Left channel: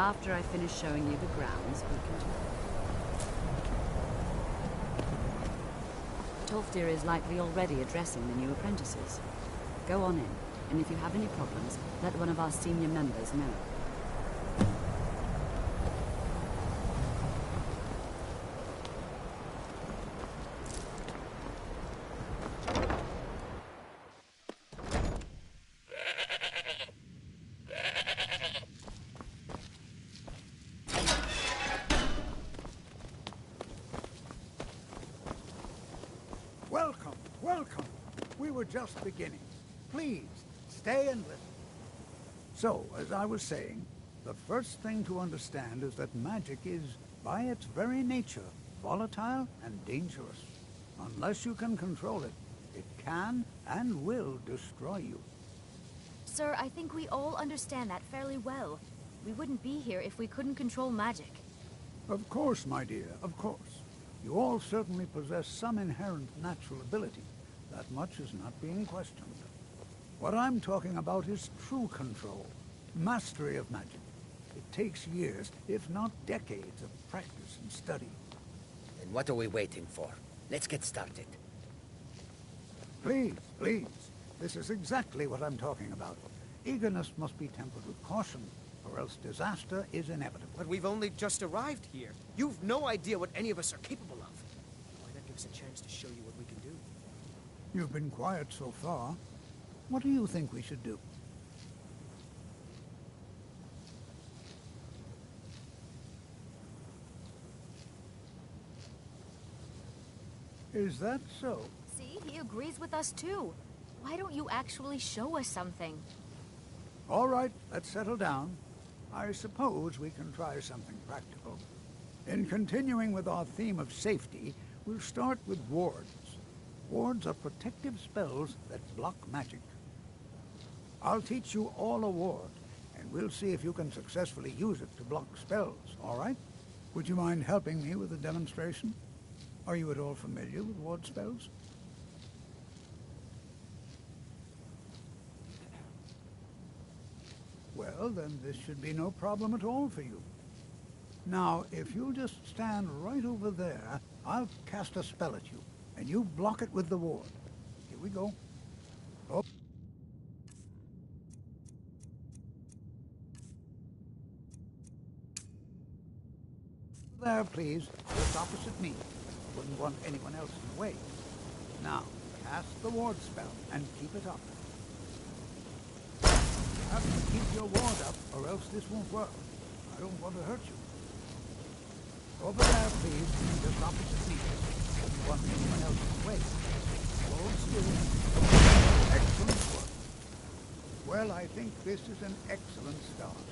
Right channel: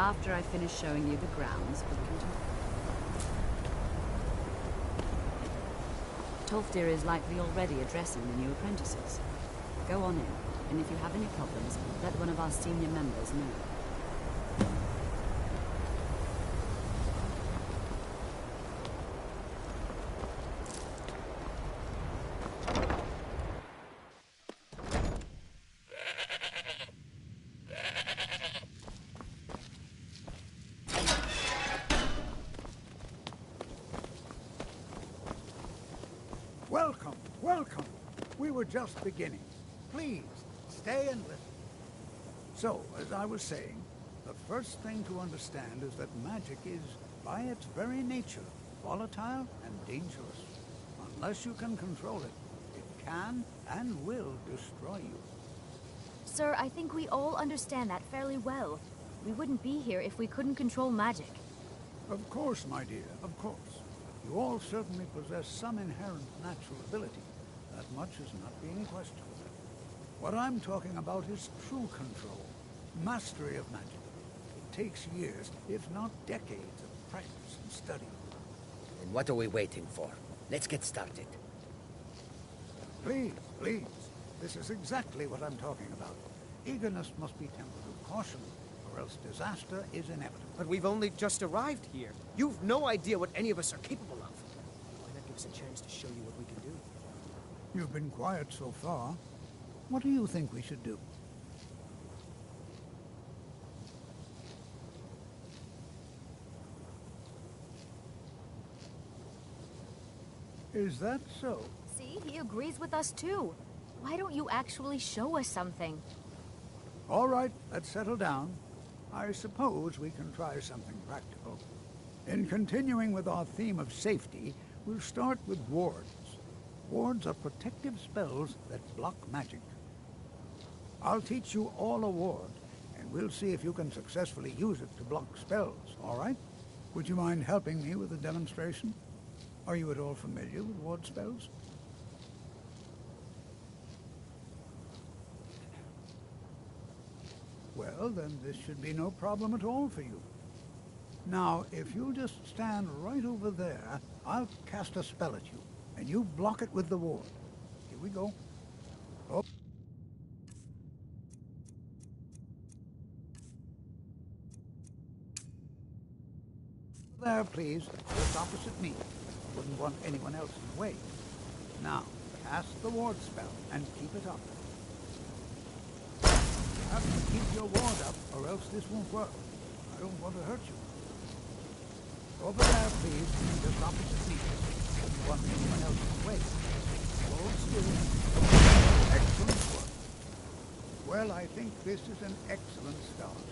After I finish showing you the grounds, we can talk. Tolfdir is likely already addressing the new apprentices. Go on in, and if you have any problems, let one of our senior members know. Welcome, welcome. We were just beginning. Please, stay and listen. So, as I was saying, the first thing to understand is that magic is, by its very nature, volatile and dangerous. Unless you can control it, it can and will destroy you. Sir, I think we all understand that fairly well. We wouldn't be here if we couldn't control magic. Of course, my dear, of course. You all certainly possess some inherent natural ability. That much is not being questioned. What I'm talking about is true control, mastery of magic. It takes years, if not decades, of practice and study. Then what are we waiting for? Let's get started. Please, please. This is exactly what I'm talking about. Eagerness must be tempered with caution, or else disaster is inevitable. But we've only just arrived here. You've no idea what any of us are capable of. Why not give us a chance to show you what we can do? You've been quiet so far. What do you think we should do? Is that so? See, he agrees with us too. Why don't you actually show us something? All right, let's settle down. I suppose we can try something practical. In continuing with our theme of safety, we'll start with wards. Wards are protective spells that block magic. I'll teach you all a ward, and we'll see if you can successfully use it to block spells, all right? Would you mind helping me with a demonstration? Are you at all familiar with ward spells? Well, then this should be no problem at all for you. Now, if you'll just stand right over there, I'll cast a spell at you, and you block it with the ward. Here we go. Oh. There, please, just opposite me. Wouldn't want anyone else in the way. Now, cast the ward spell, and keep it up. You have to keep your ward up, or else this won't work. I don't want to hurt you. Over there, please, just opposite me. Don't want anyone else in the way. Hold still. Excellent work. Well, I think this is an excellent start.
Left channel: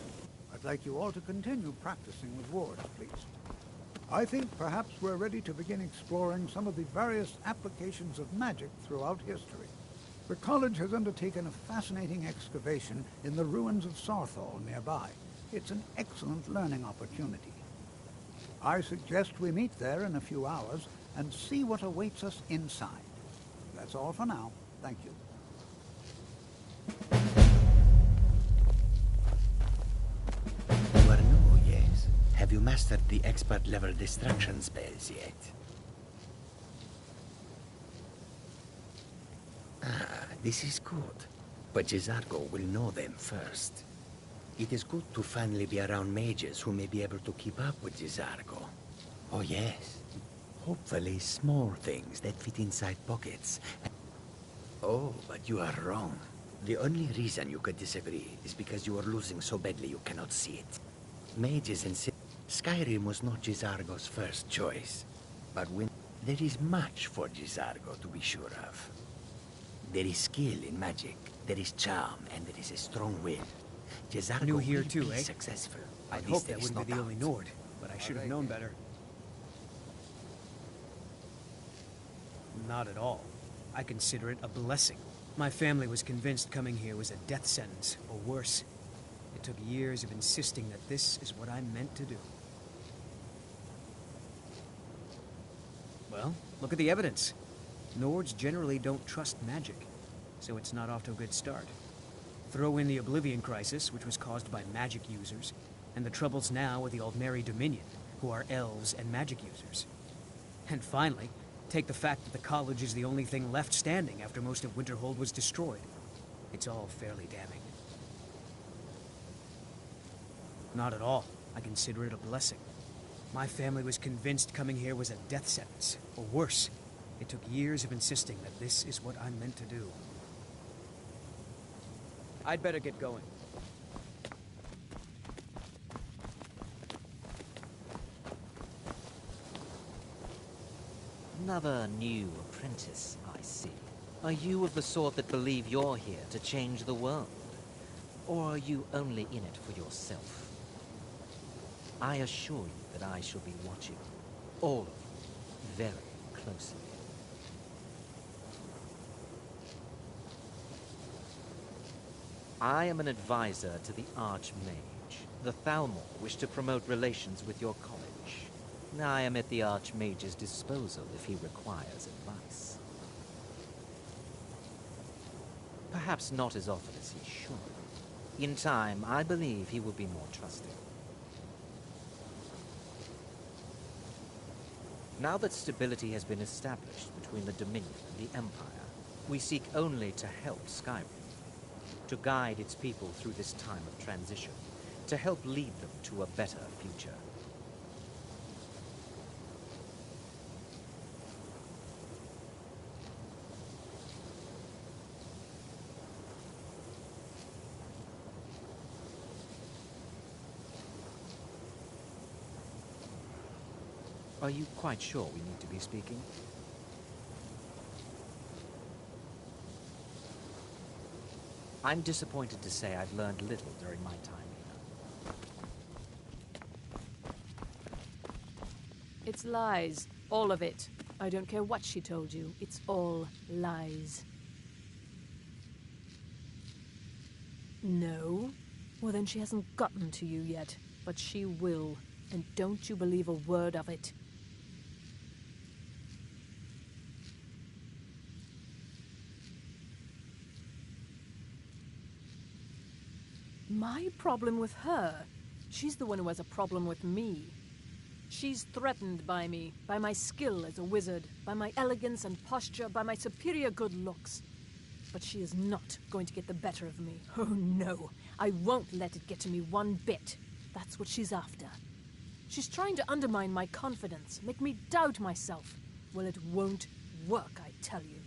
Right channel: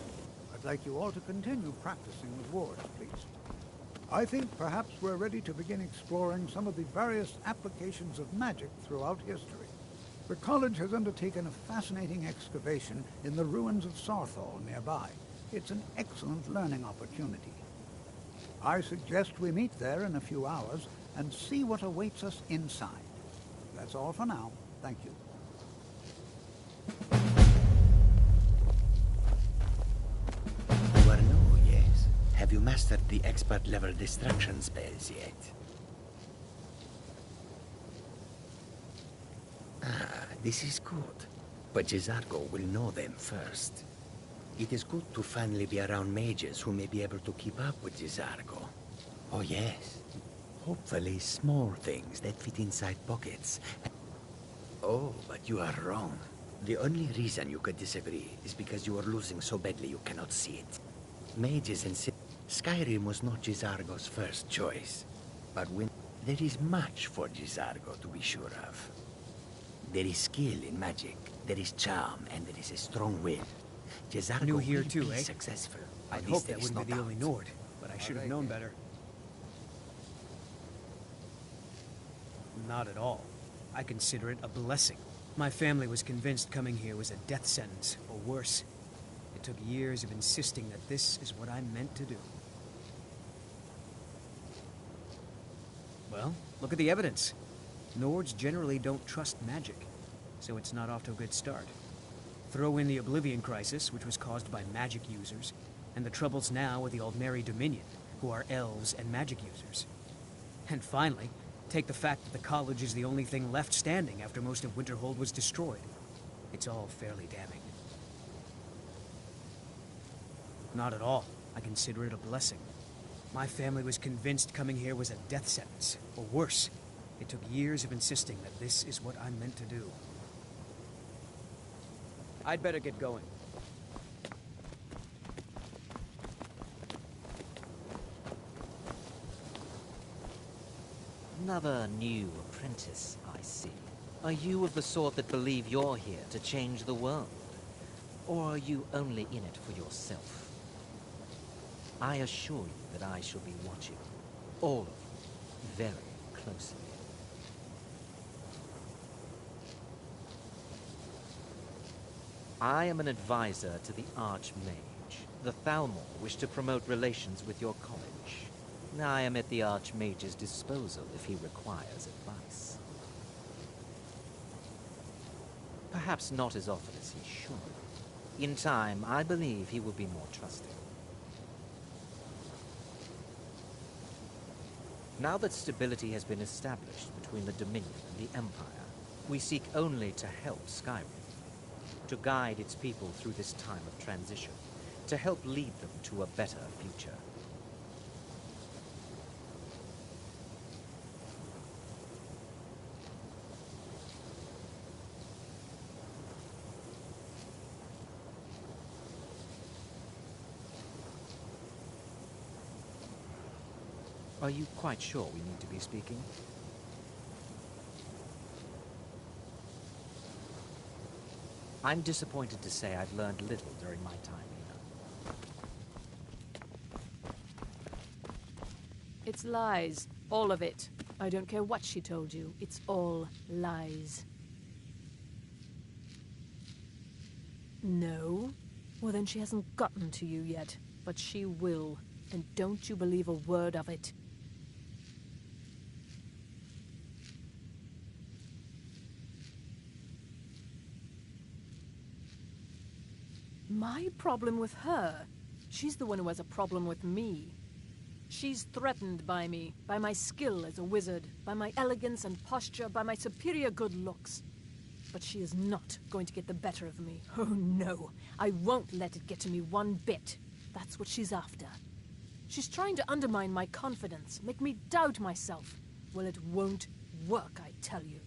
I'd like you all to continue practicing with wards, please. I think perhaps we're ready to begin exploring some of the various applications of magic throughout history. The college has undertaken a fascinating excavation in the ruins of Sarthal nearby. It's an excellent learning opportunity. I suggest we meet there in a few hours and see what awaits us inside. That's all for now. Thank you. You are new, yes? Have you mastered the expert-level distraction spells yet? Ah, this is good. But Jizargo will know them first. It is good to finally be around mages who may be able to keep up with Jizargo. Oh yes. Hopefully small things that fit inside pockets. Oh, but you are wrong. The only reason you could disagree is because you are losing so badly you cannot see it. Mages and Skyrim was not Jizargo's first choice. But when there is much for Jizargo to be sure of. There is skill in magic, there is charm, and there is a strong will. Jizargo New here will too, be eh? successful. I'd hope that wouldn't be the only Nord, but I should have known better. Not at all. I consider it a blessing. My family was convinced coming here was a death sentence, or worse. It took years of insisting that this is what I'm meant to do. Well, look at the evidence. Nords generally don't trust magic, so it's not off to a good start. Throw in the Oblivion Crisis, which was caused by magic users, and the troubles now with the Aldmeri Dominion, who are elves and magic users. And finally, take the fact that the college is the only thing left standing after most of Winterhold was destroyed. It's all fairly damning. Not at all. I consider it a blessing. My family was convinced coming here was a death sentence, or worse. It took years of insisting that this is what I'm meant to do. I'd better get going. Another new apprentice, I see. Are you of the sort that believe you're here to change the world? Or are you only in it for yourself? I assure you that I shall be watching all of you very closely. I am an advisor to the Archmage. The Thalmor wish to promote relations with your college. I am at the Archmage's disposal if he requires advice. Perhaps not as often as he should. In time, I believe he will be more trusting. Now that stability has been established between the Dominion and the Empire, we seek only to help Skyrim, to guide its people through this time of transition, to help lead them to a better future. Are you quite sure we need to be speaking? I'm disappointed to say I've learned little during my time here. It's lies. All of it. I don't care what she told you. It's all lies. No? Well, then she hasn't gotten to you yet. But she will. And don't you believe a word of it. My problem with her? She's the one who has a problem with me. She's threatened by me, by my skill as a wizard, by my elegance and posture, by my superior good looks. But she is not going to get the better of me. Oh no, I won't let it get to me one bit. That's what she's after. She's trying to undermine my confidence, make me doubt myself. Well, it won't work, I tell you.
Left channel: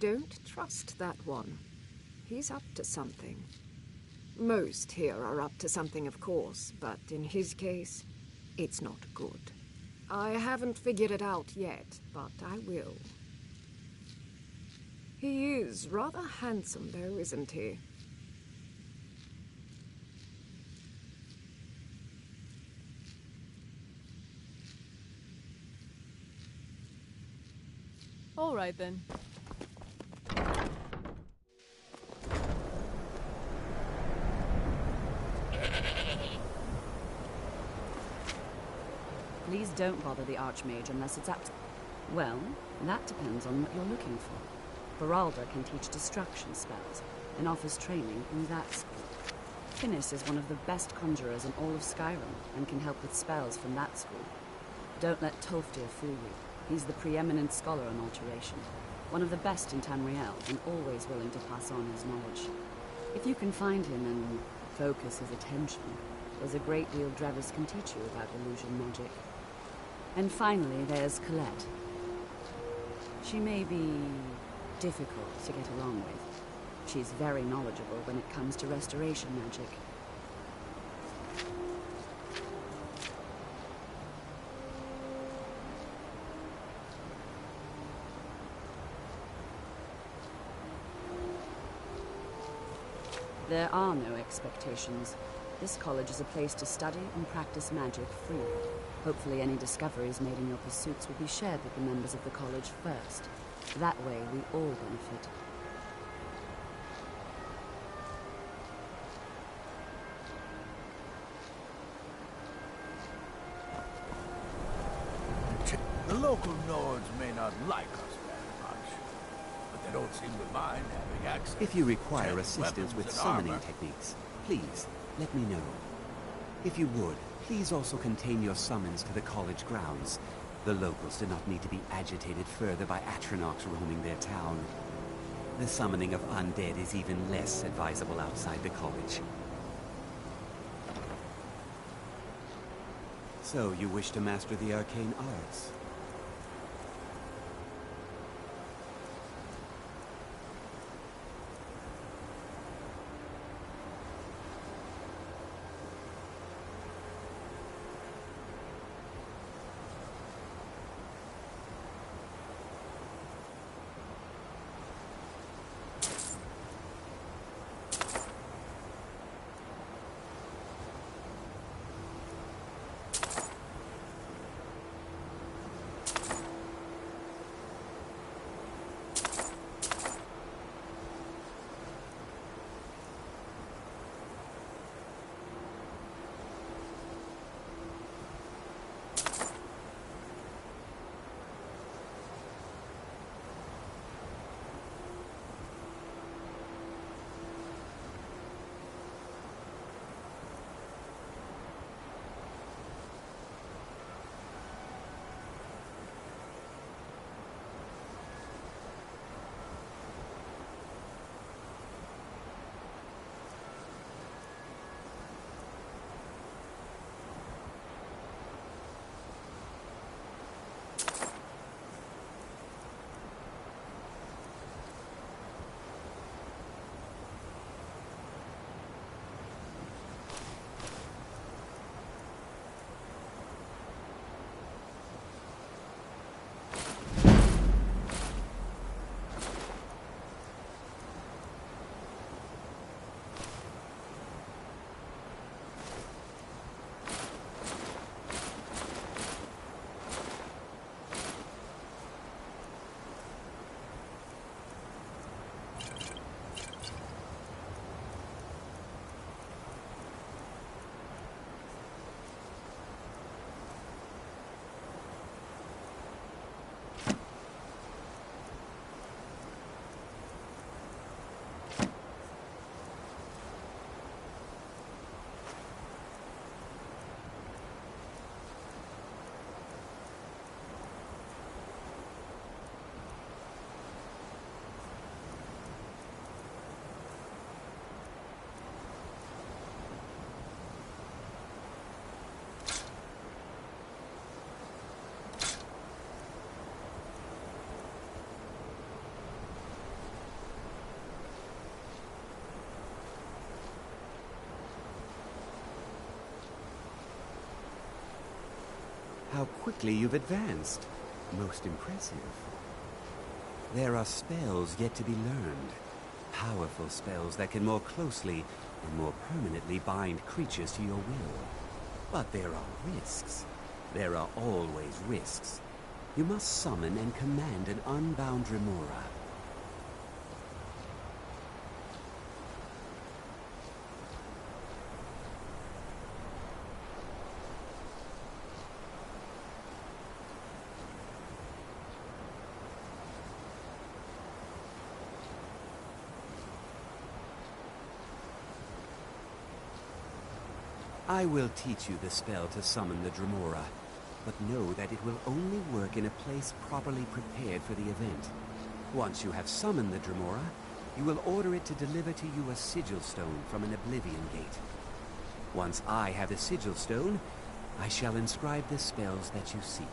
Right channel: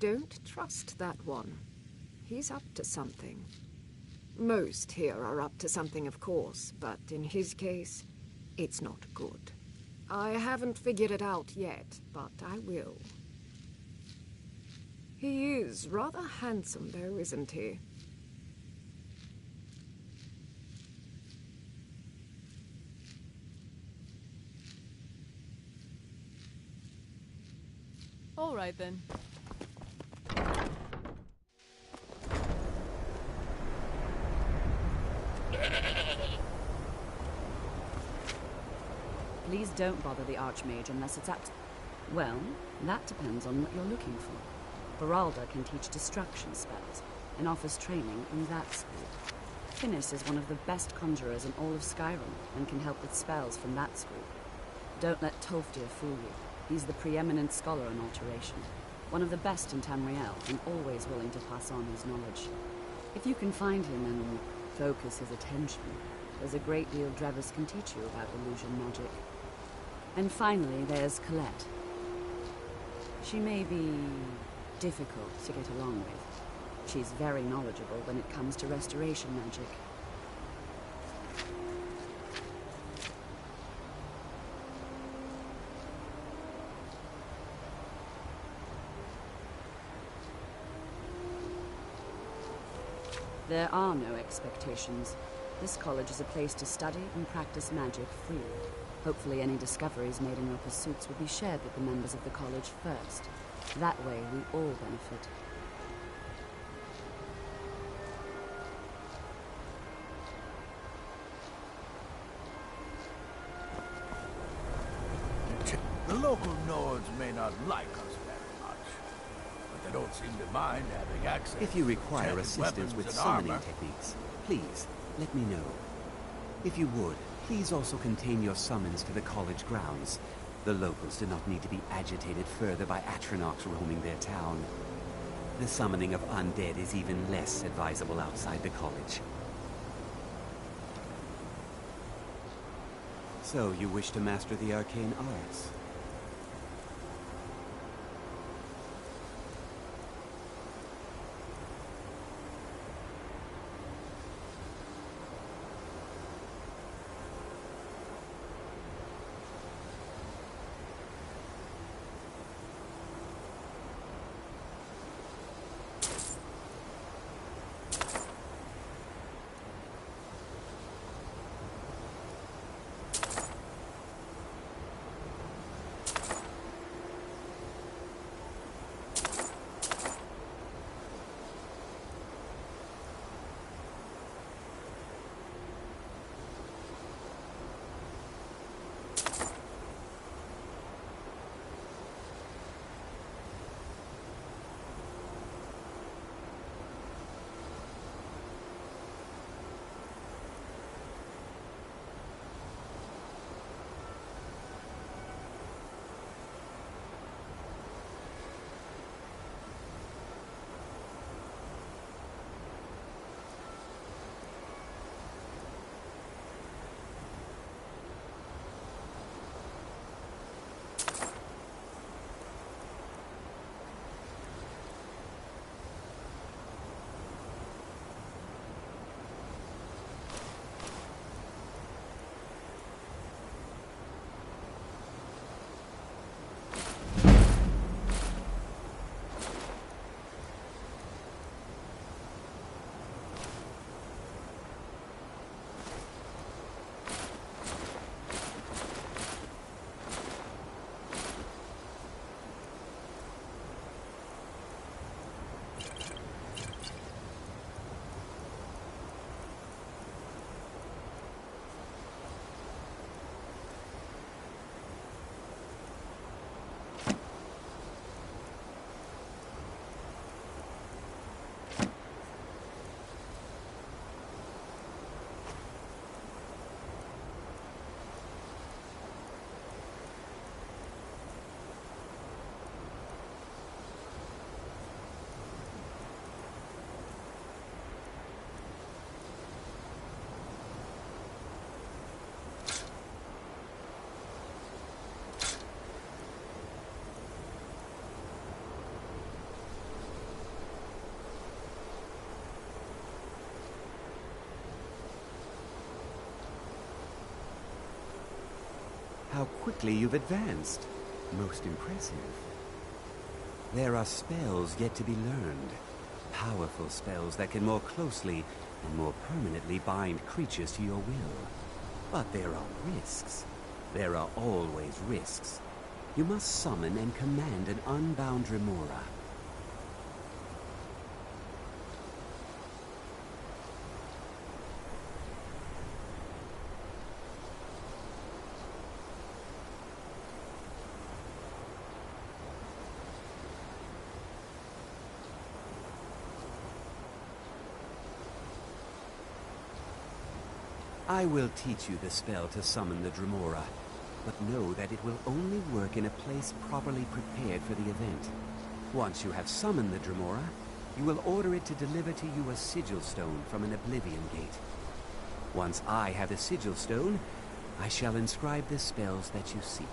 Don't trust that one. He's up to something. Most here are up to something, of course, but in his case, it's not good. I haven't figured it out yet, but I will. He is rather handsome, though, isn't he? All right, then. Please don't bother the Archmage unless it's Well, that depends on what you're looking for. Beralda can teach destruction spells and offers training in that school. Finnis is one of the best conjurers in all of Skyrim and can help with spells from that school. Don't let Tolfdir fool you. He's the preeminent scholar on alteration, one of the best in Tamriel and always willing to pass on his knowledge. If you can find him and focus his attention, there's a great deal Drevis can teach you about illusion magic. And finally, there's Colette. She may be difficult to get along with. She's very knowledgeable when it comes to restoration magic. There are no expectations. This college is a place to study and practice magic freely. Hopefully any discoveries made in your pursuits will be shared with the members of the college first. That way we all benefit. The local Nords may not like us very much, but they don't seem to mind having access If you to require enchanted assistance weapons with and summoning armor. techniques, please, let me know. If you would, please also contain your summons to the college grounds. The locals do not need to be agitated further by Atronachs roaming their town. The summoning of undead is even less advisable outside the college. So, you wish to master the arcane arts? How quickly you've advanced. Most impressive. There are spells yet to be learned. Powerful spells that can more closely and more permanently bind creatures to your will. But there are risks. There are always risks. You must summon and command an unbound remora. I will teach you the spell to summon the Dremora, but know that it will only work in a place properly prepared for the event. Once you have summoned the Dremora, you will order it to deliver to you a sigil stone from an Oblivion Gate. Once I have the sigil stone, I shall inscribe the spells that you seek.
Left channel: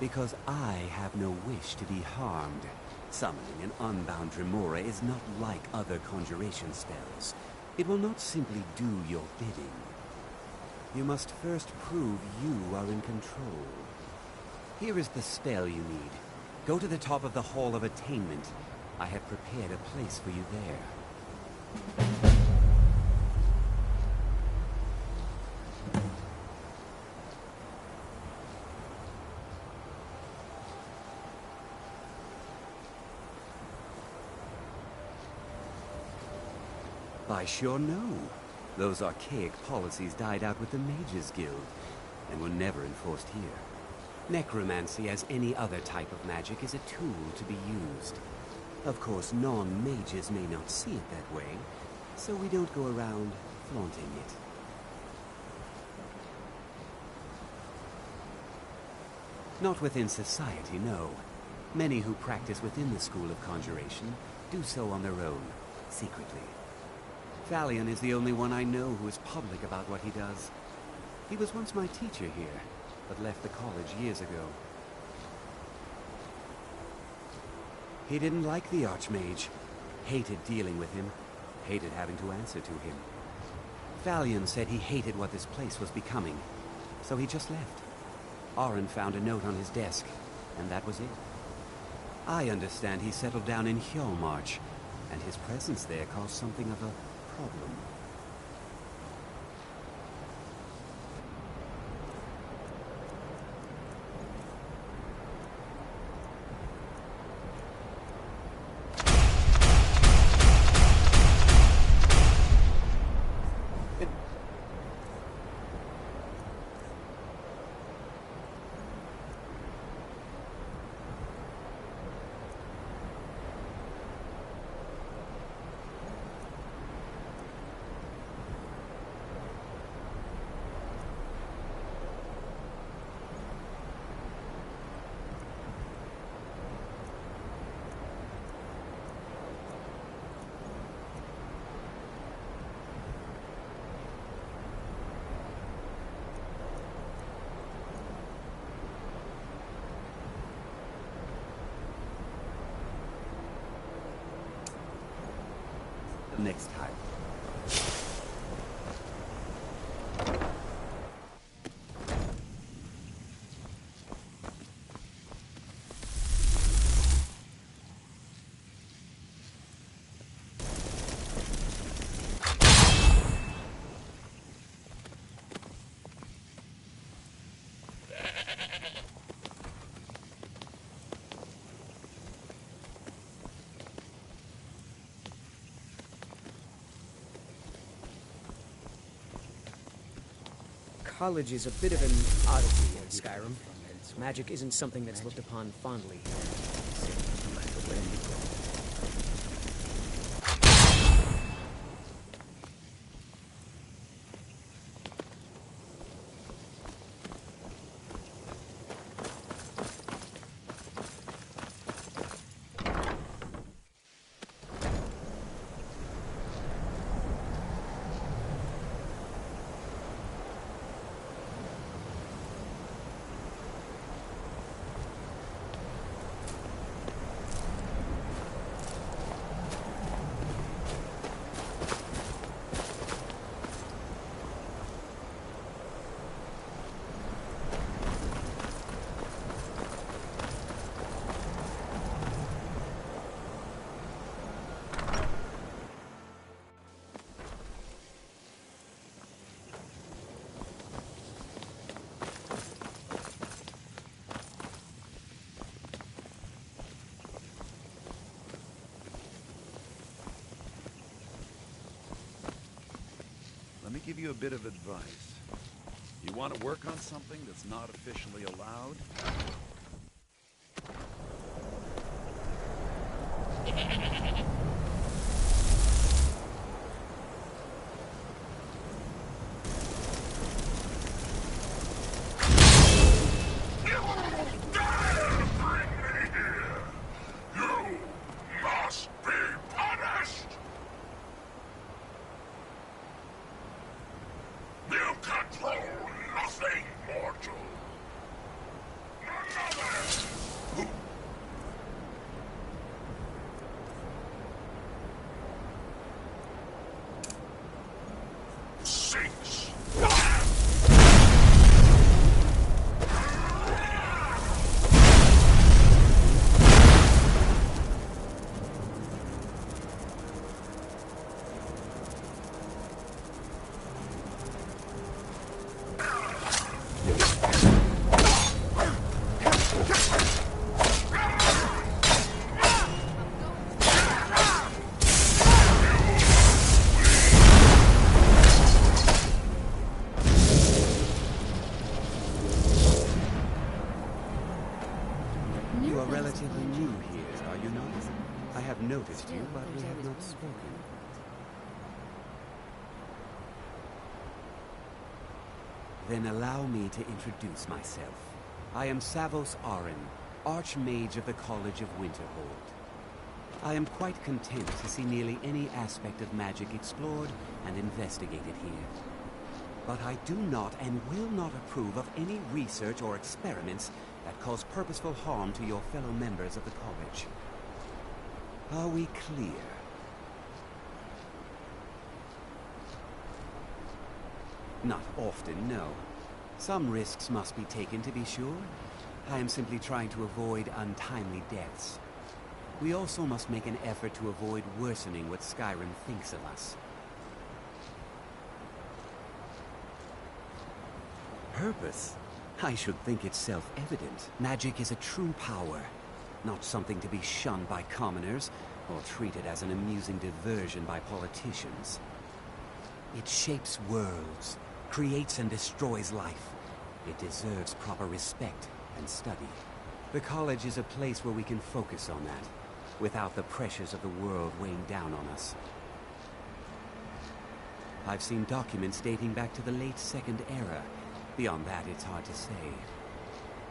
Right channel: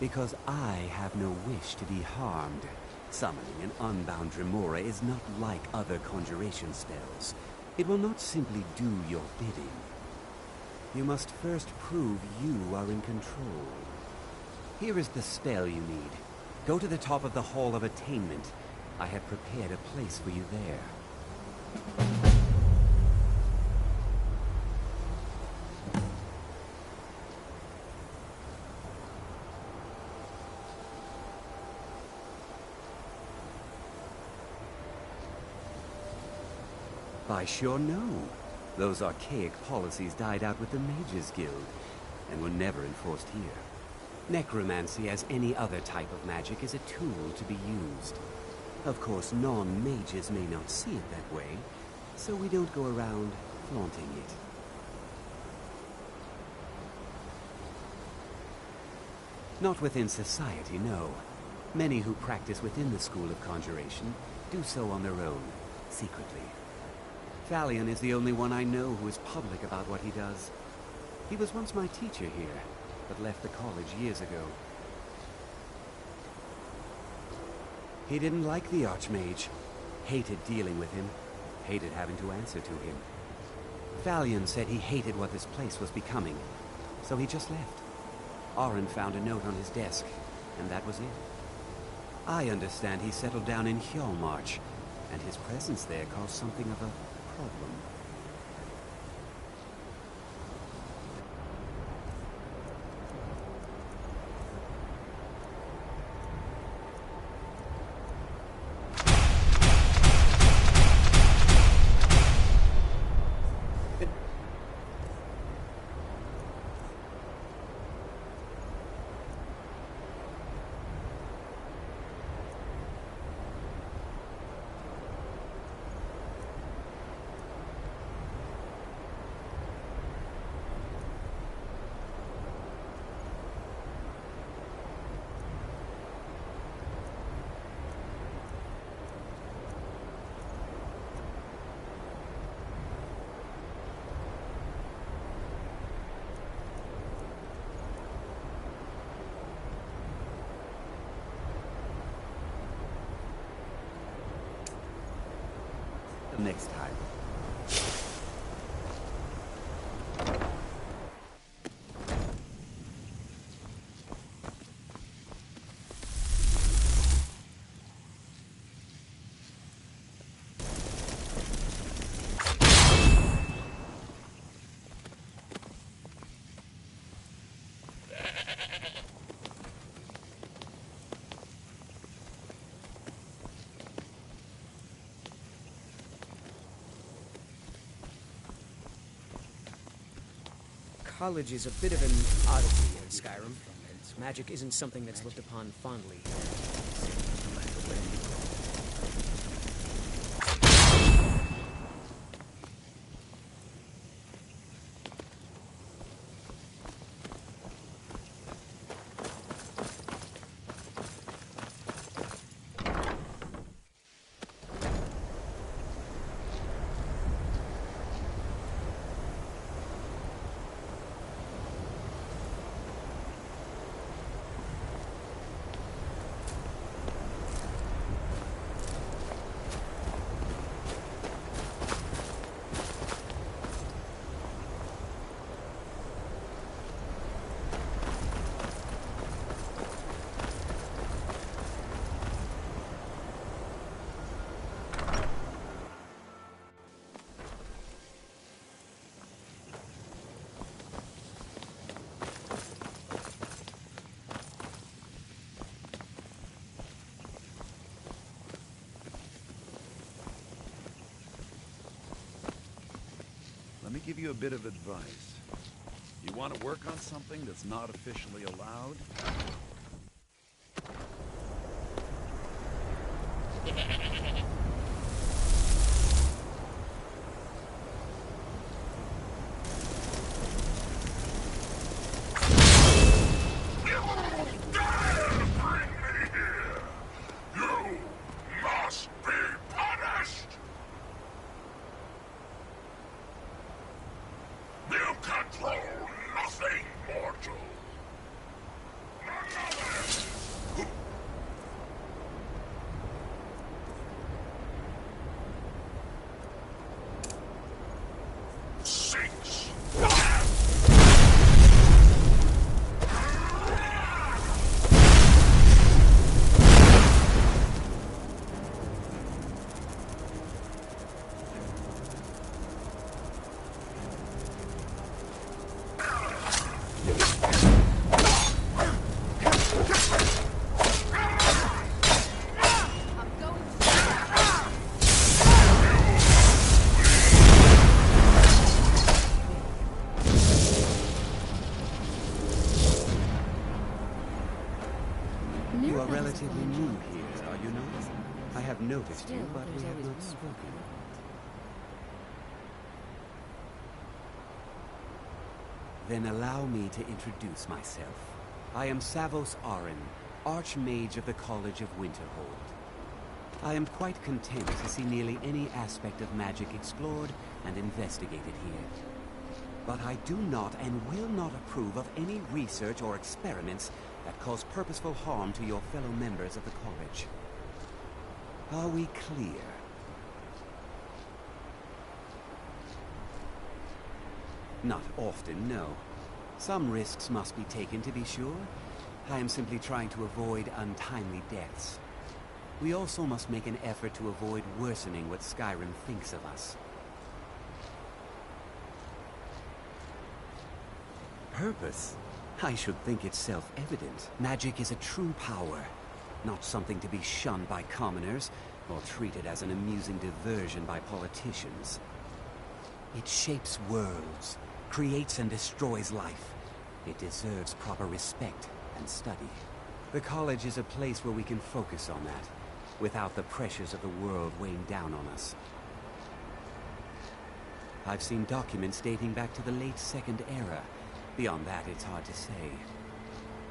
Because I have no wish to be harmed. Summoning an unbound Remora is not like other conjuration spells. It will not simply do your bidding. You must first prove you are in control. Here is the spell you need. Go to the top of the Hall of Attainment. I have prepared a place for you there. By sure no. Those archaic policies died out with the Mages Guild, and were never enforced here. Necromancy, as any other type of magic, is a tool to be used. Of course, non-mages may not see it that way, so we don't go around flaunting it. Not within society, no. Many who practice within the School of Conjuration do so on their own, secretly. Thalion is the only one I know who is public about what he does. He was once my teacher here, but left the college years ago. He didn't like the Archmage, hated dealing with him, hated having to answer to him. Thalion said he hated what this place was becoming, so he just left. Oren found a note on his desk, and that was it. I understand he settled down in Hjalmarch, and his presence there caused something of a problem. Next time. College is a bit of an oddity in Skyrim. Magic isn't something that's looked upon fondly here. Let me give you a bit of advice. You want to work on something that's not officially allowed? You are relatively new here, are you not? I have noticed you, but we have not spoken. Then allow me to introduce myself. I am Savos Arin, Archmage of the College of Winterhold. I am quite content to see nearly any aspect of magic explored and investigated here. But I do not and will not approve of any research or experiments that cause purposeful harm to your fellow members of the college. Are we clear? Not often, no. Some risks must be taken to be sure. I am simply trying to avoid untimely deaths. We also must make an effort to avoid worsening what Skyrim thinks of us. Purpose? I should think it's self-evident. Magic is a true power, not something to be shunned by commoners or treated as an amusing diversion by politicians. It shapes worlds, creates and destroys life. It deserves proper respect and study. The college is a place where we can focus on that, without the pressures of the world weighing down on us. I've seen documents dating back to the late Second Era. Beyond that, it's hard to say.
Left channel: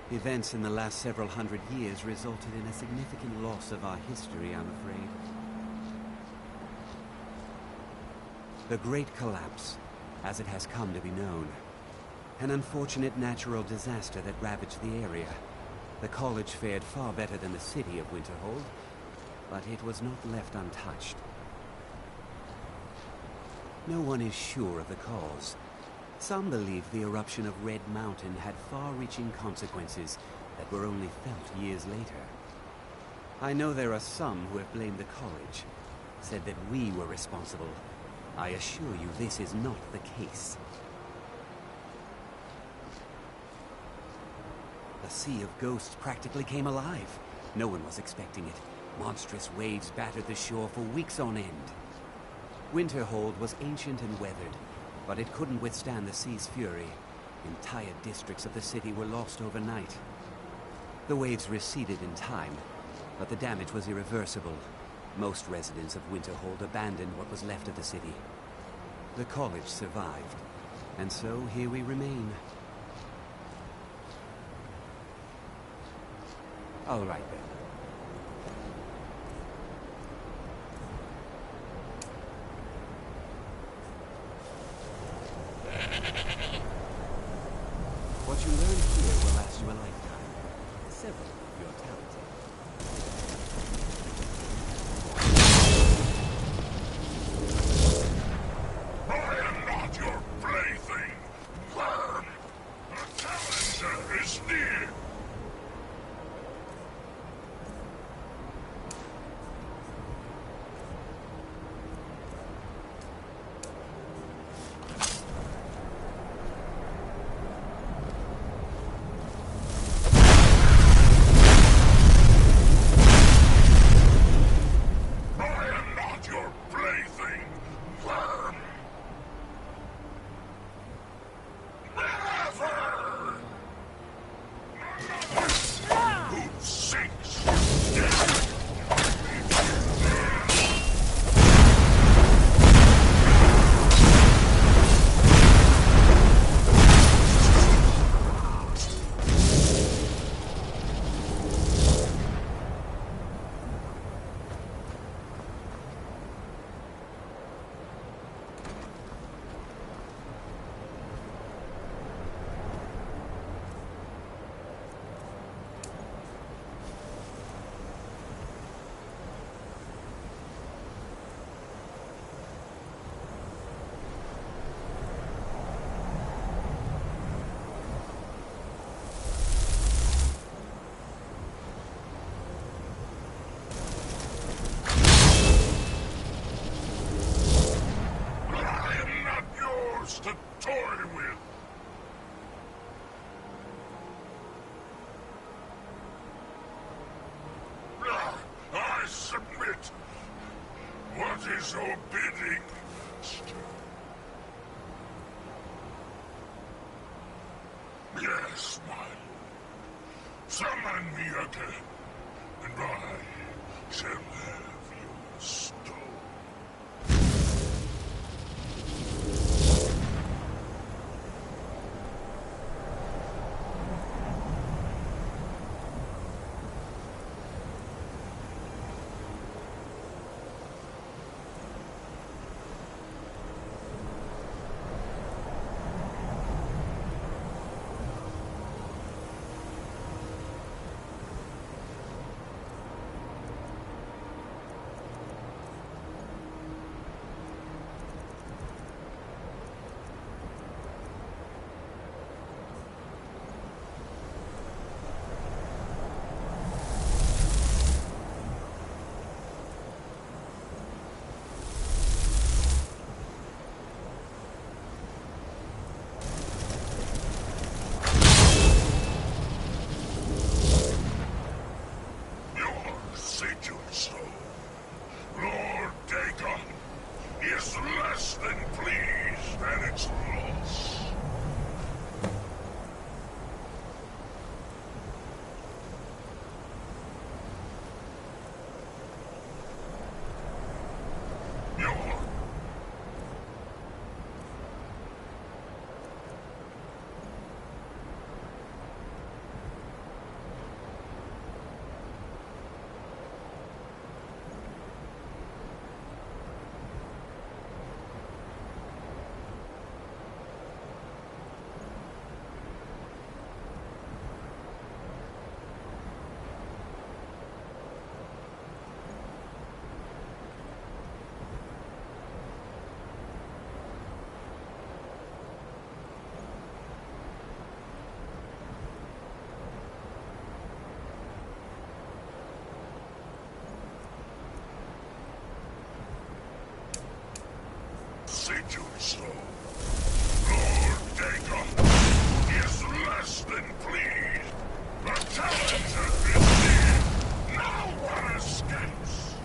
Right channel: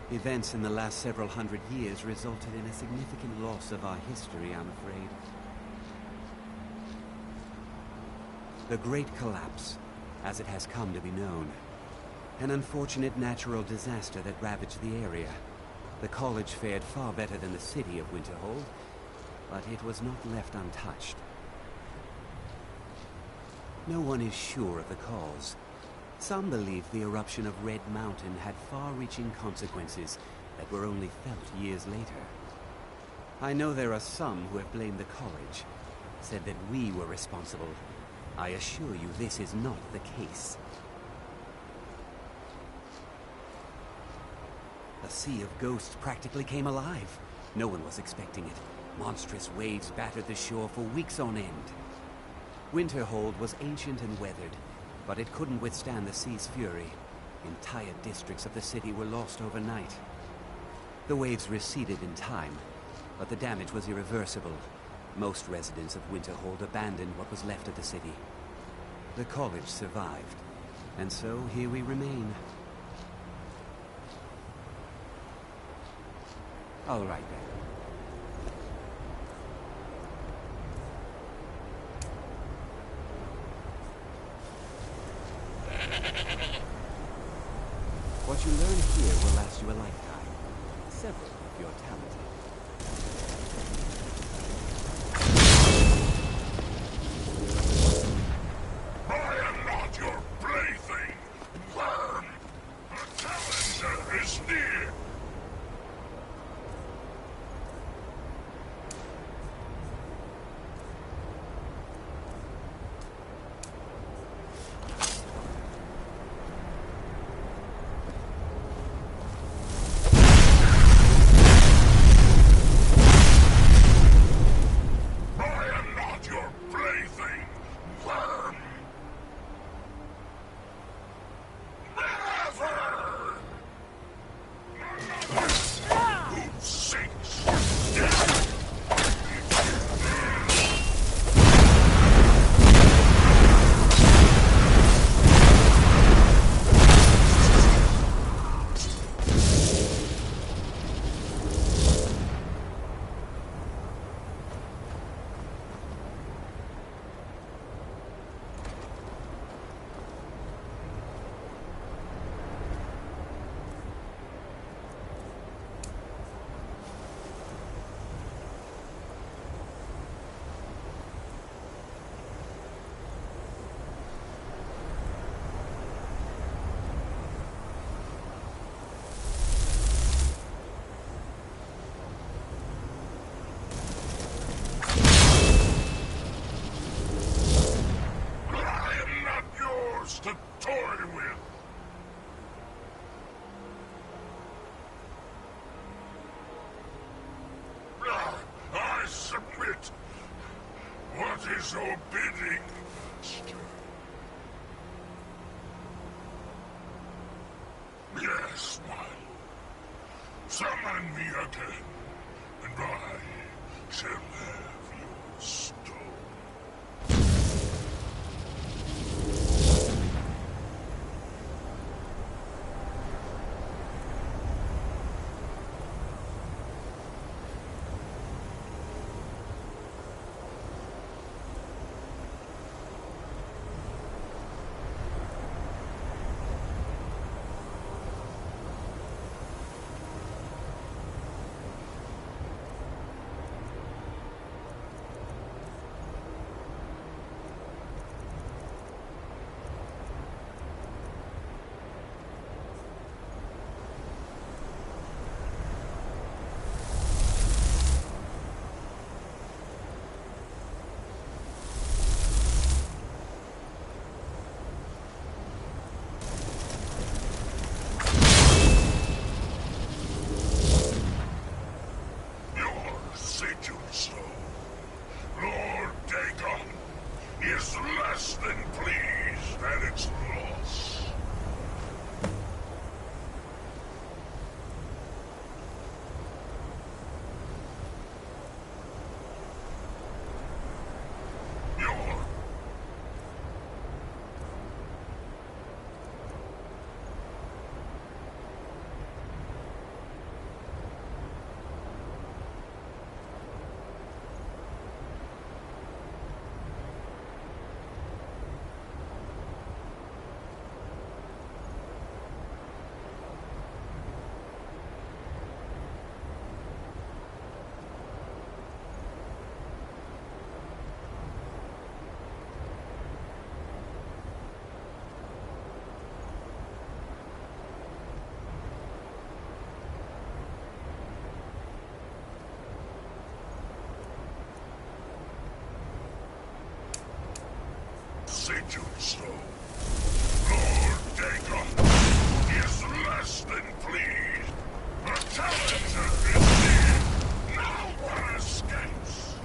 Events in the last several hundred years resulted in a significant loss of our history, I'm afraid. The Great Collapse, as it has come to be known. An unfortunate natural disaster that ravaged the area. The college fared far better than the city of Winterhold, but it was not left untouched. No one is sure of the cause. Some believe the eruption of Red Mountain had far-reaching consequences that were only felt years later. I know there are some who have blamed the college, said that we were responsible. I assure you this is not the case. The Sea of Ghosts practically came alive. No one was expecting it. Monstrous waves battered the shore for weeks on end. Winterhold was ancient and weathered, but it couldn't withstand the sea's fury. Entire districts of the city were lost overnight. The waves receded in time, but the damage was irreversible. Most residents of Winterhold abandoned what was left of the city. The college survived, and so here we remain. All right, then. What you learn here will last you a lifetime. Several if you're talented. I am not your plaything, worm! The challenger is near! To toy with. I submit. What is your bidding, master? Yes, my lord. Summon me again. and I shall have your stone. Lord Dagon is less than pleased at its loss. Your Senjutsu. Lord Dagon is less than pleased. The challenger is near. No one escapes.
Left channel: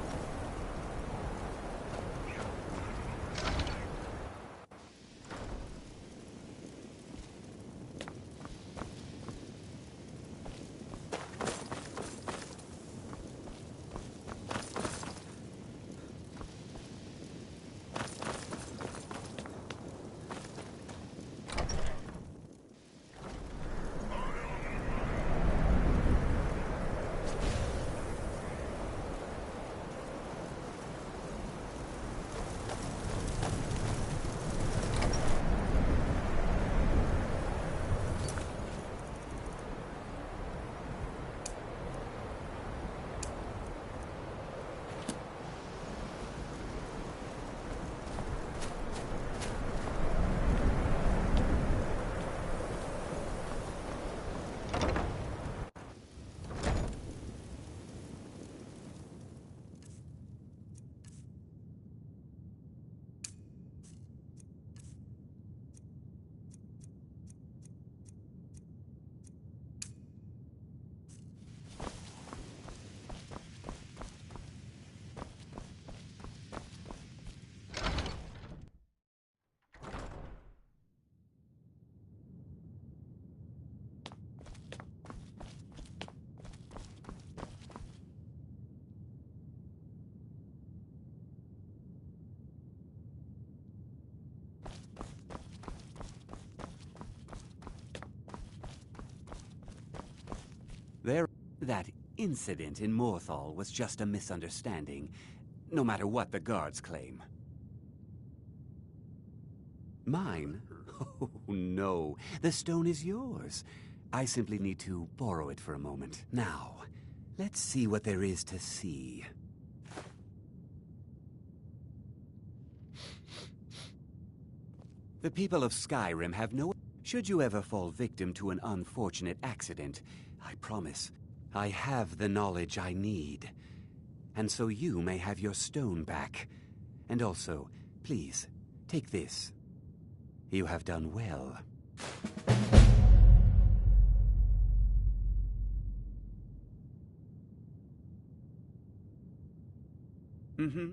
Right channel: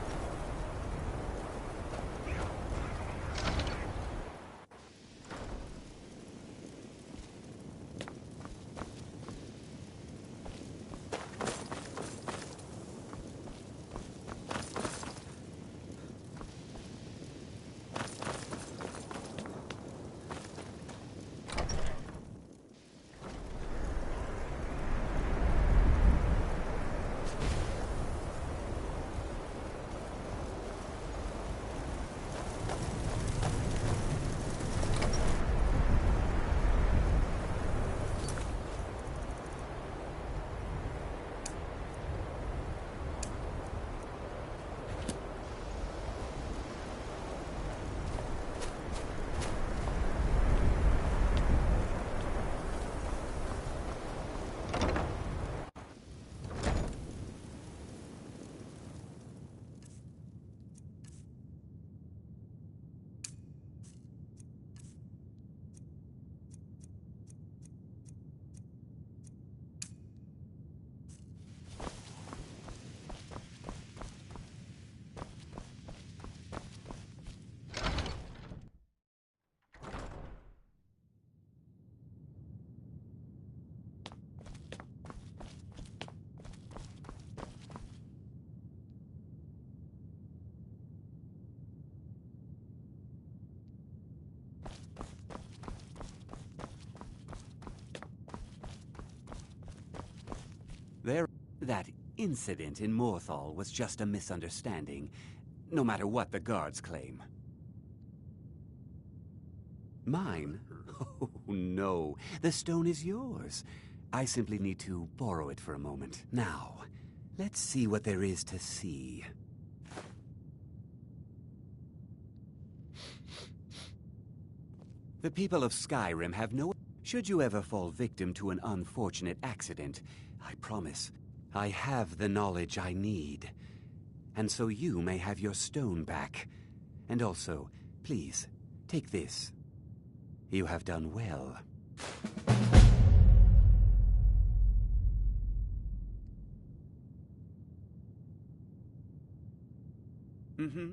That incident in Morthal was just a misunderstanding, no matter what the guards claim. Mine? Oh, no. The stone is yours. I simply need to borrow it for a moment. Now, let's see what there is to see. The people of Skyrim have no... Should you ever fall victim to an unfortunate accident, I promise, I have the knowledge I need. And so you may have your stone back. And also, please, take this. You have done well. Mm-hmm.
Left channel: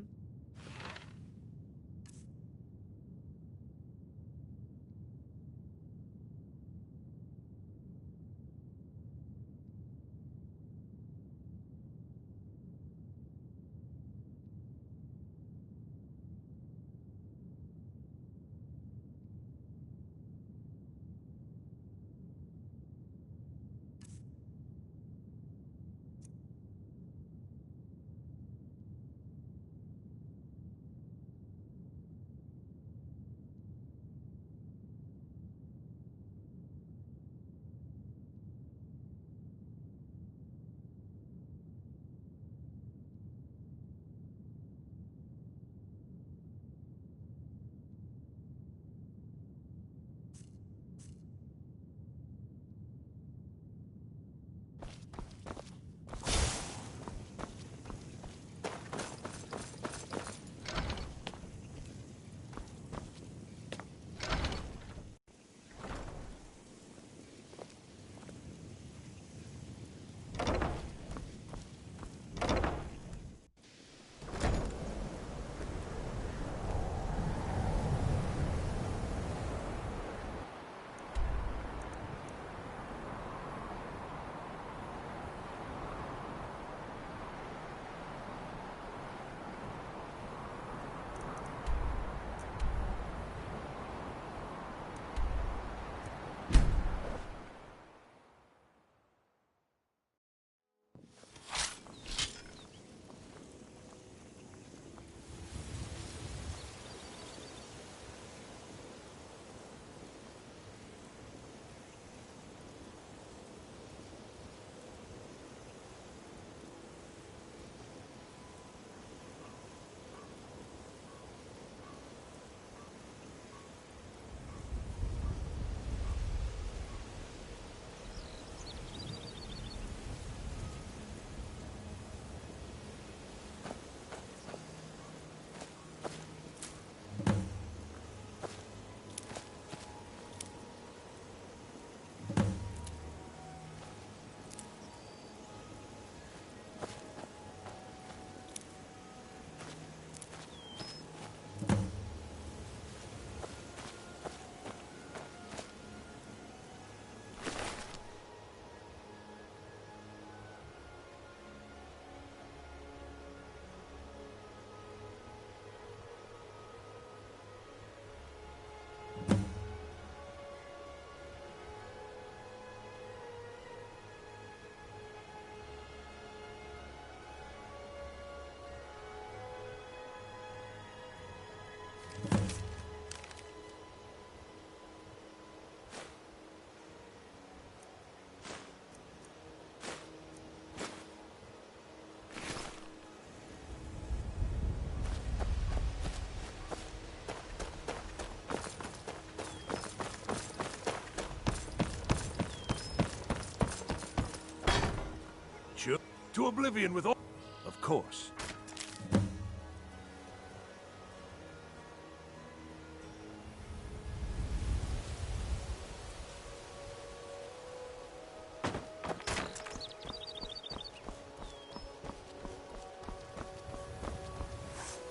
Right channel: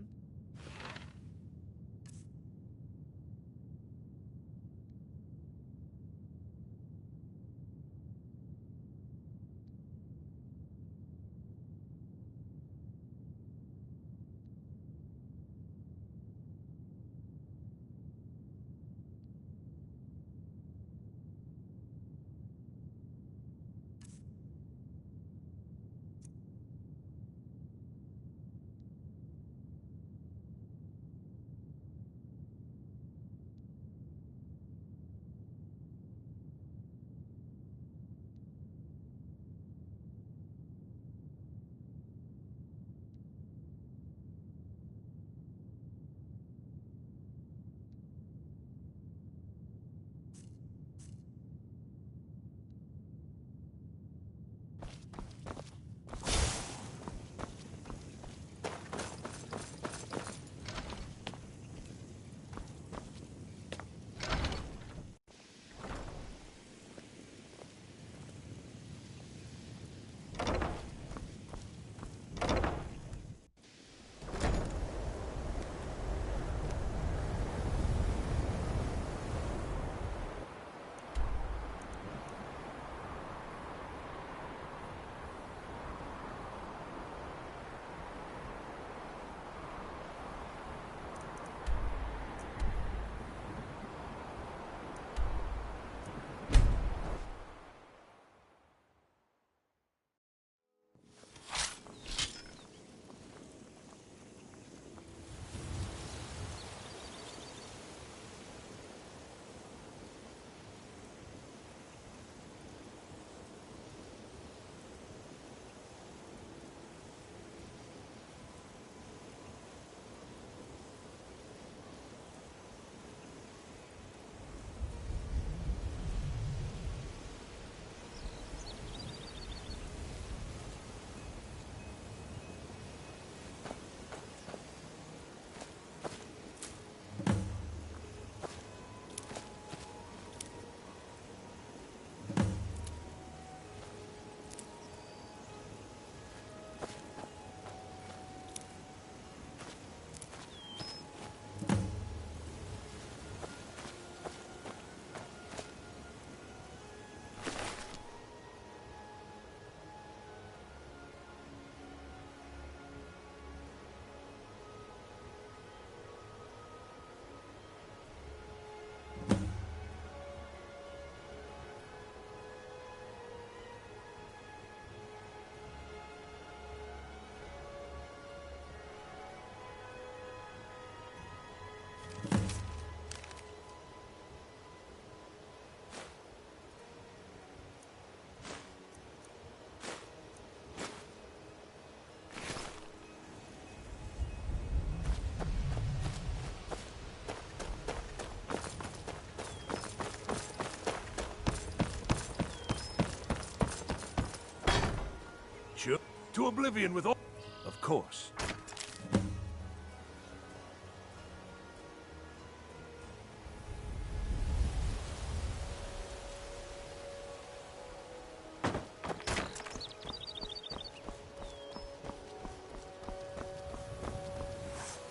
To oblivion with all... Of course.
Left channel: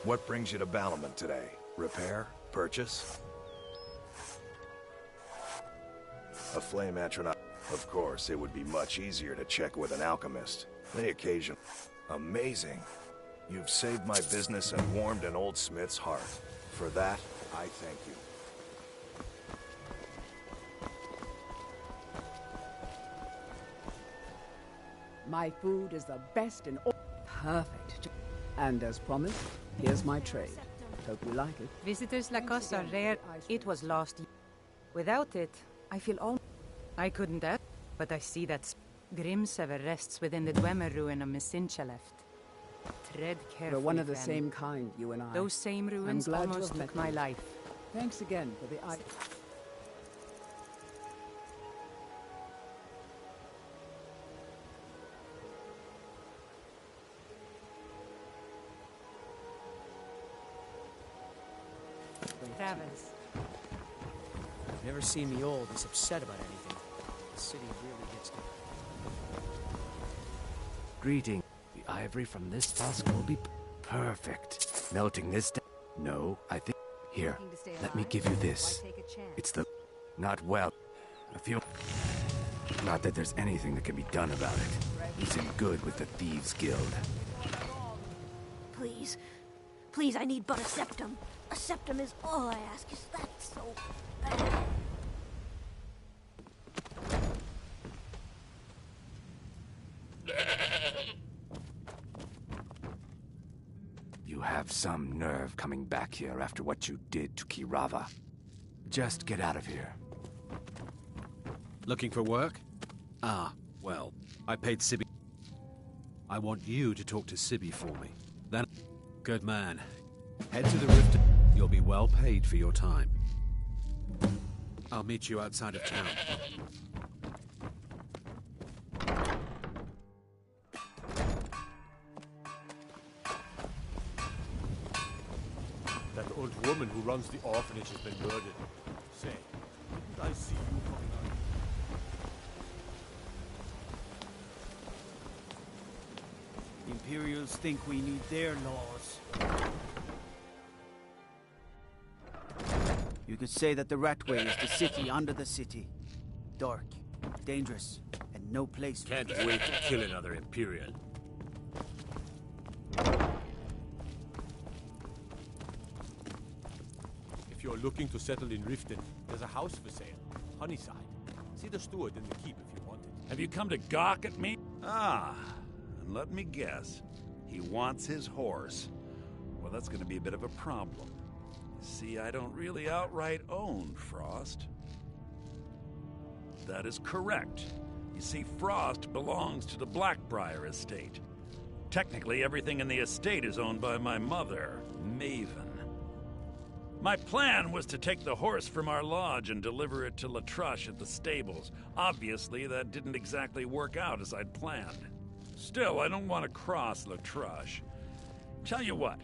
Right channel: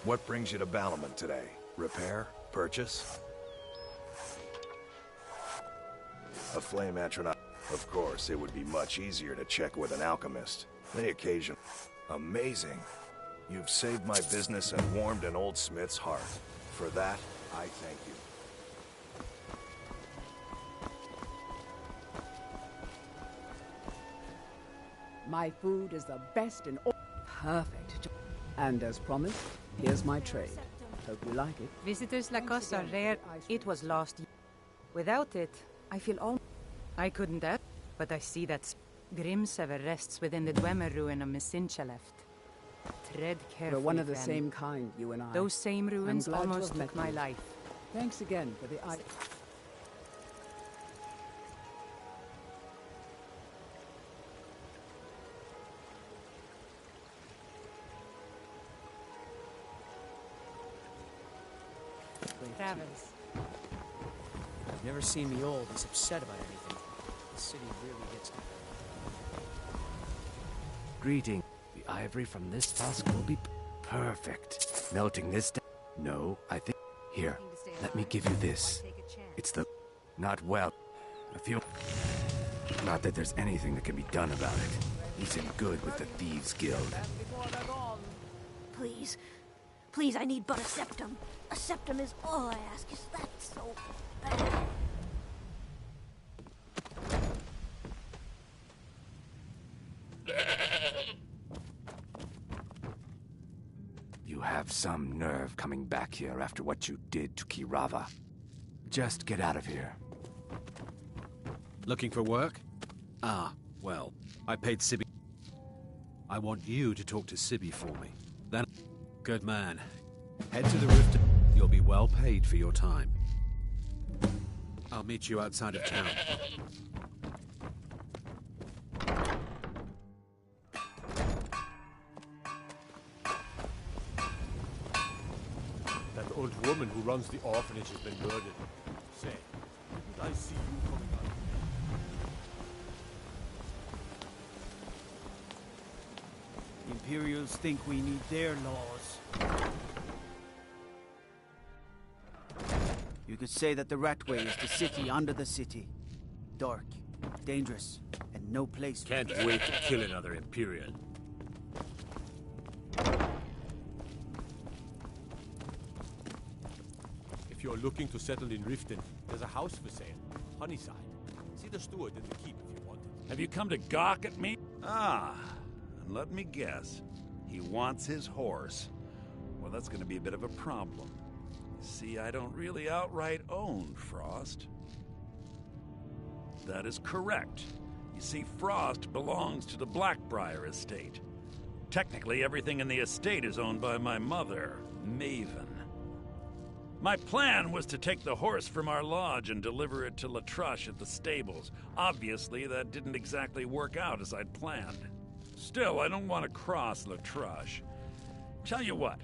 What brings you to Balamant today? Repair? Purchase? A flame atronach. Of course, it would be much easier to check with an alchemist. They occasion... Amazing. You've saved my business and warmed an old smith's heart. For that, I thank you. My food is the best in all. Perfect. And as promised, here's my trade. Hope you like it. Visitors like us are rare. It was lost. Without it, I feel all... I couldn't ask, but I see that Grimsever rests within the Dwemer ruin of Messincha left. Tread carefully, We're one of the friend. same kind, you and I. Those same ruins I'm glad to almost have met took my you. life. Thanks again for the... Travels. I've never seen the old this upset about anything. The city really gets to... Greeting. The ivory from this tusk will be perfect. Melting this down. No, I think... Here, let me give you this. It's the... Not well. I feel... Not that there's anything that can be done about it. He's in good with the Thieves' Guild. Please. Please, I need but a septum. A septum is all I ask. Is that so bad? You have some nerve coming back here after what you did to Kirava. Just get out of here. Looking for work? Ah, well, I paid Sibby. I want you to talk to Sibby for me. Then, good man. Head to the rift. You'll be well paid for your time. I'll meet you outside of town. That old woman who runs the orphanage has been murdered. Say, didn't I see you coming out? The Imperials think we need their laws. You could say that the Ratway is the city under the city. Dark, dangerous, and no place for... Can't wait to kill another Imperial. If you're looking to settle in Riften, there's a house for sale. Honeyside. See the steward in the keep if you want it. Have you come to gawk at me? Ah, and let me guess. He wants his horse. Well, that's going to be a bit of a problem. See, I don't really outright own Frost. That is correct. You see, Frost belongs to the Blackbriar estate. Technically, everything in the estate is owned by my mother, Maven. My plan was to take the horse from our lodge and deliver it to Latrush at the stables. Obviously, that didn't exactly work out as I'd planned. Still, I don't want to cross Latrush. Tell you what,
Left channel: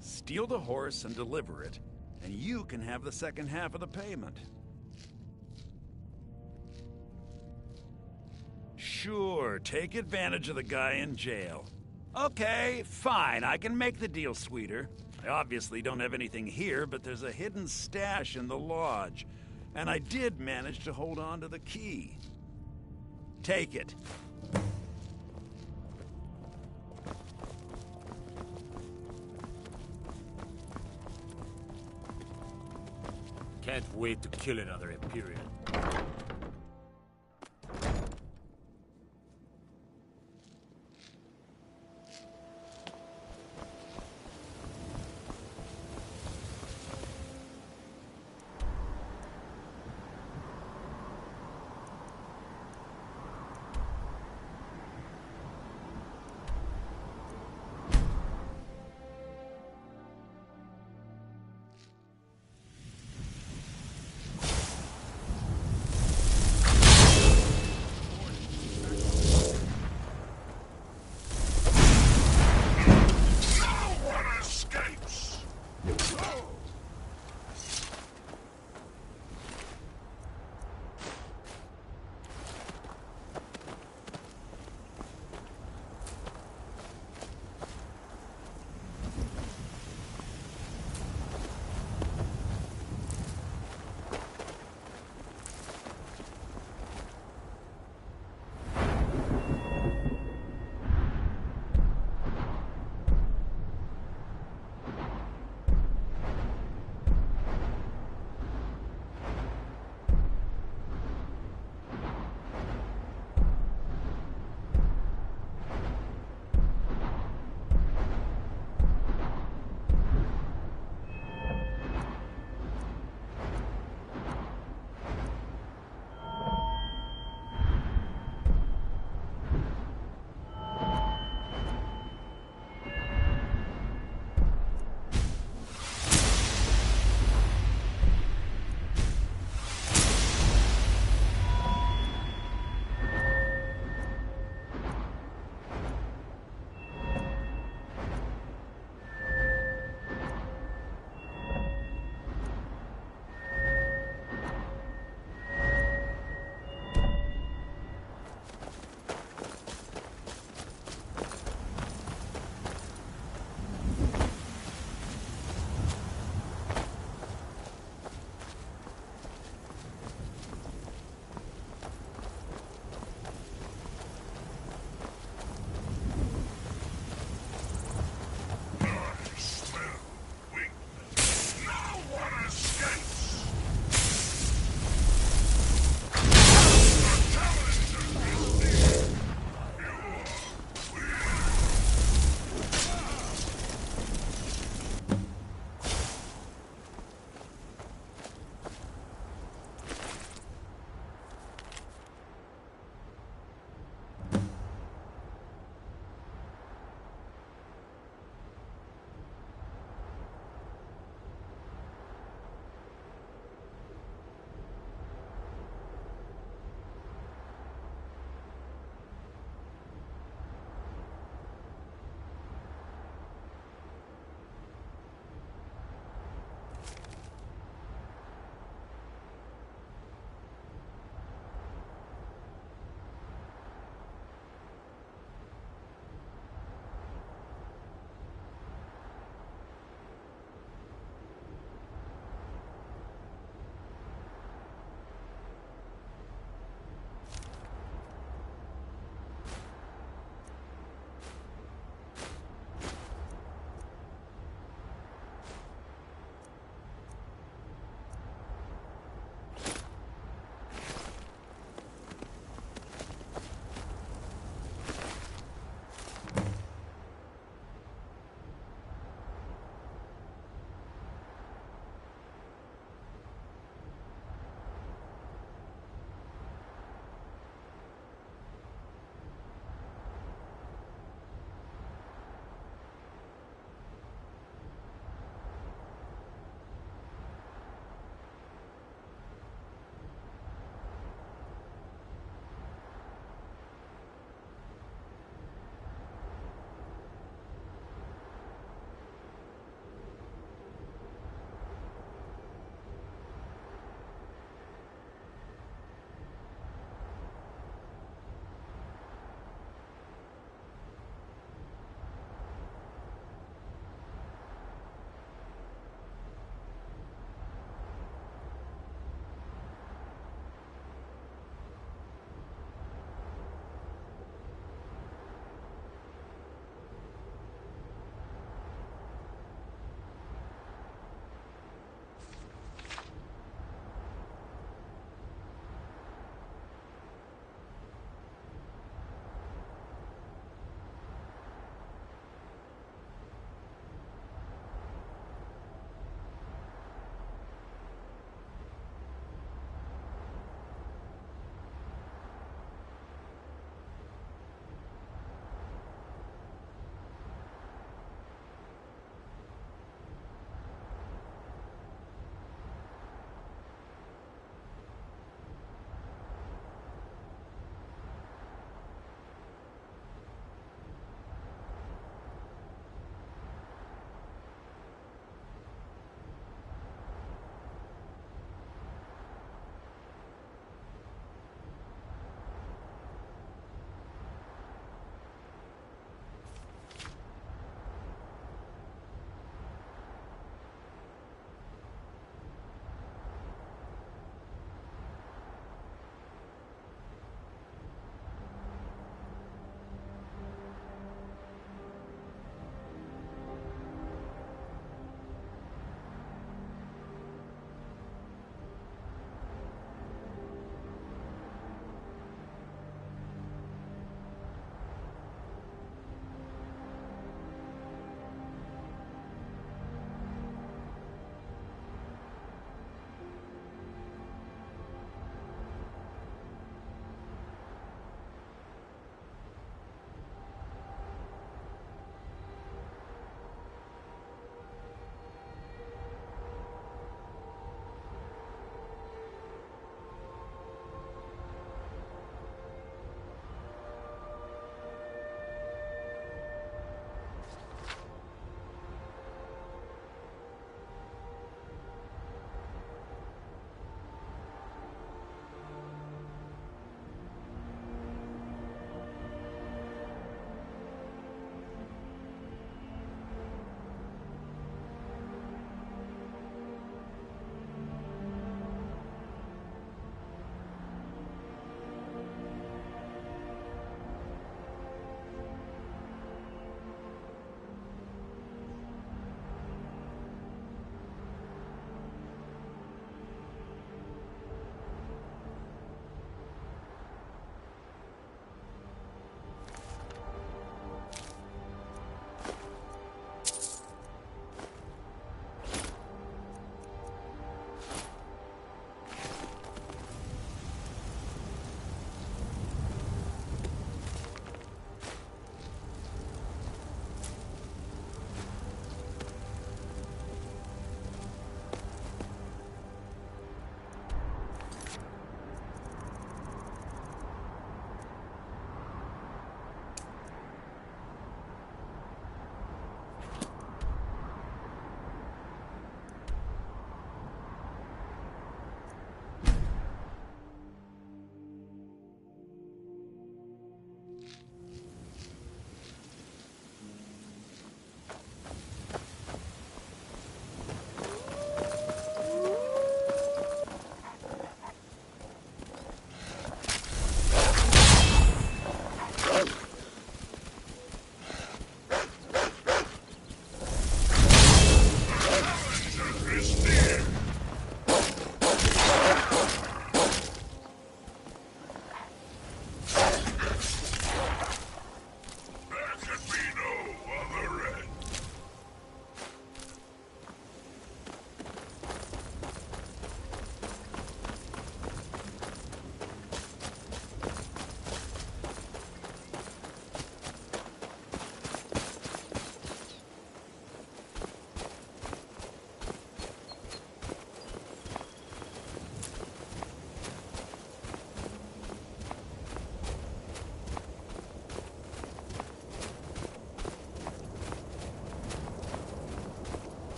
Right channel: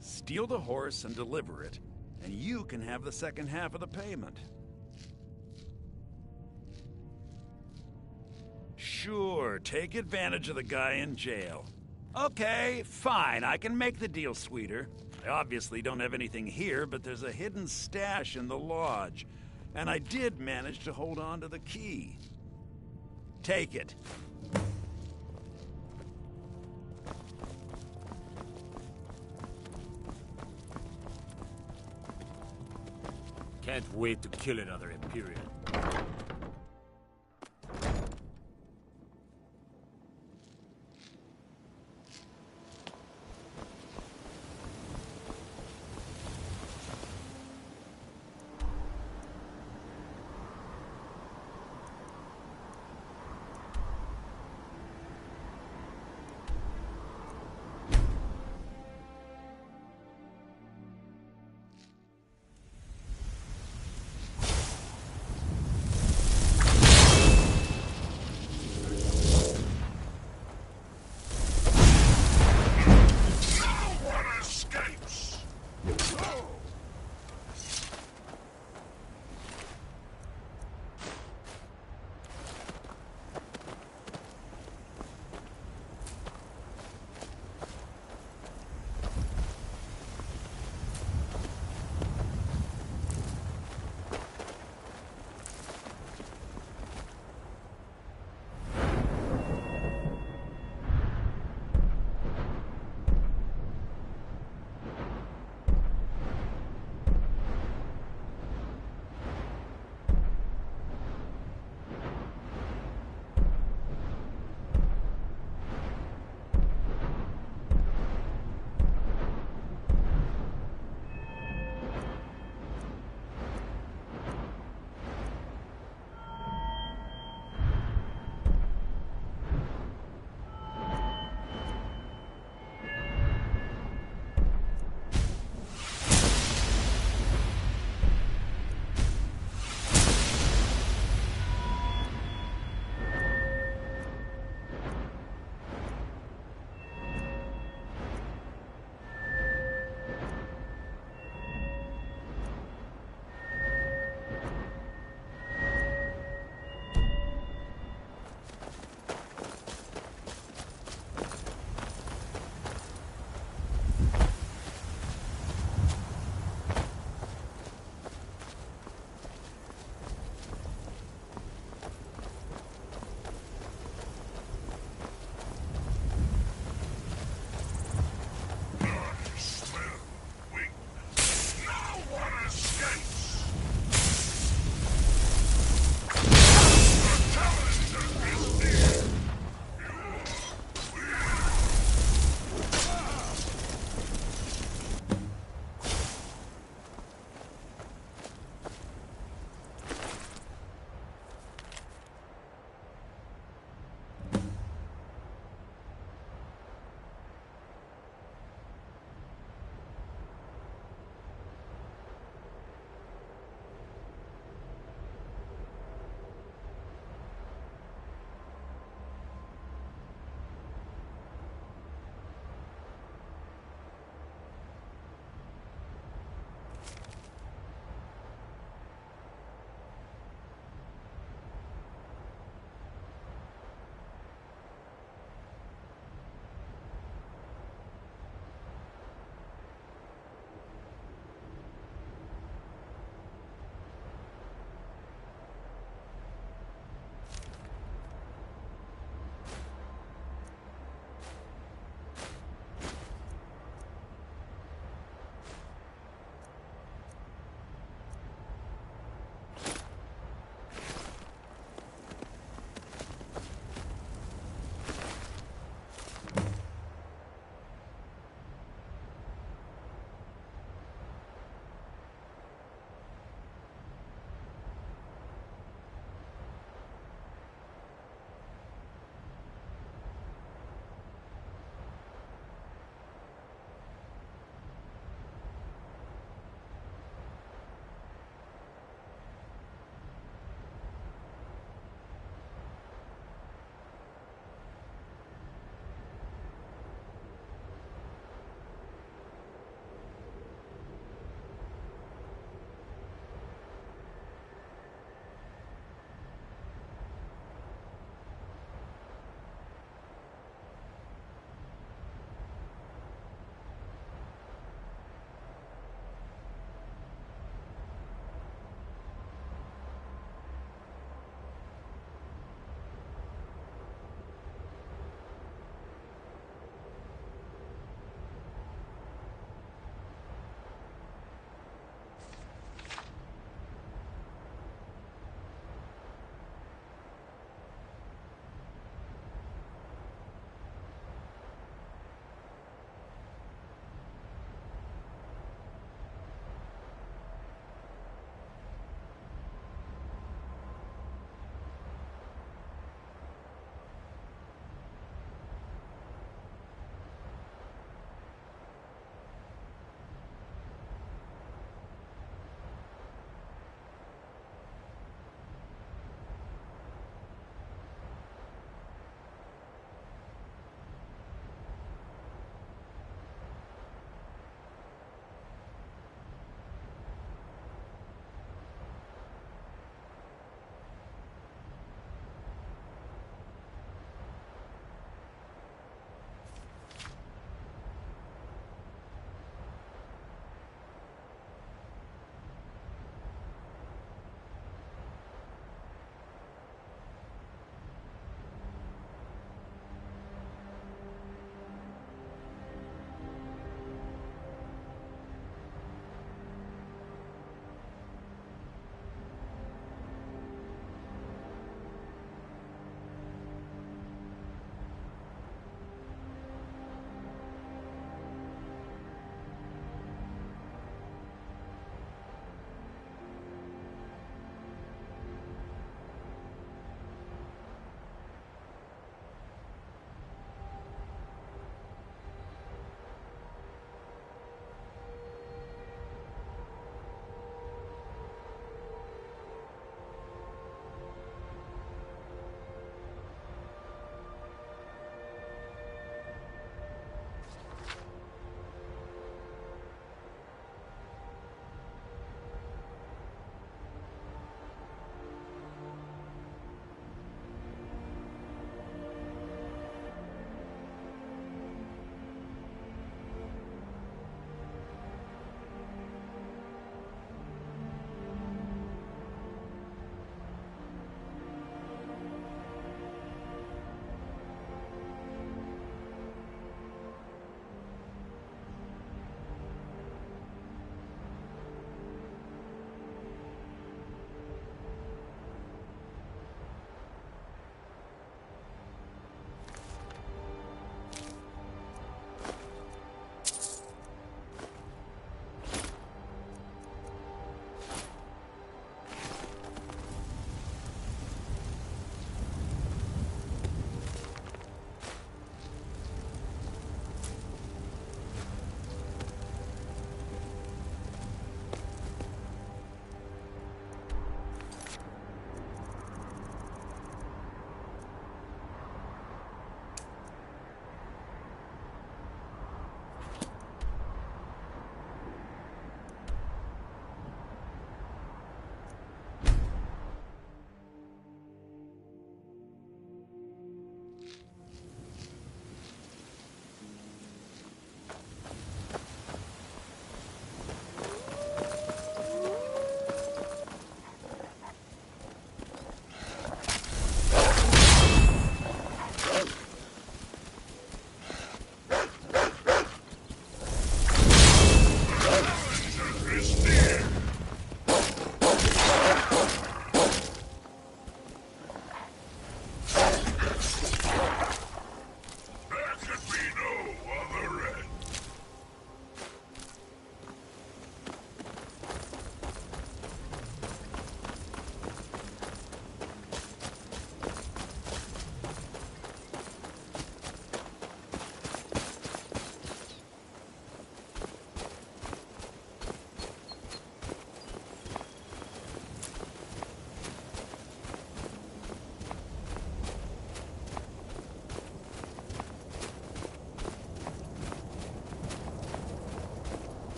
steal the horse and deliver it, and you can have the second half of the payment. Sure, take advantage of the guy in jail. Okay, fine, I can make the deal sweeter. I obviously don't have anything here, but there's a hidden stash in the lodge, and I did manage to hold on to the key. Take it. Can't wait to kill another Imperial.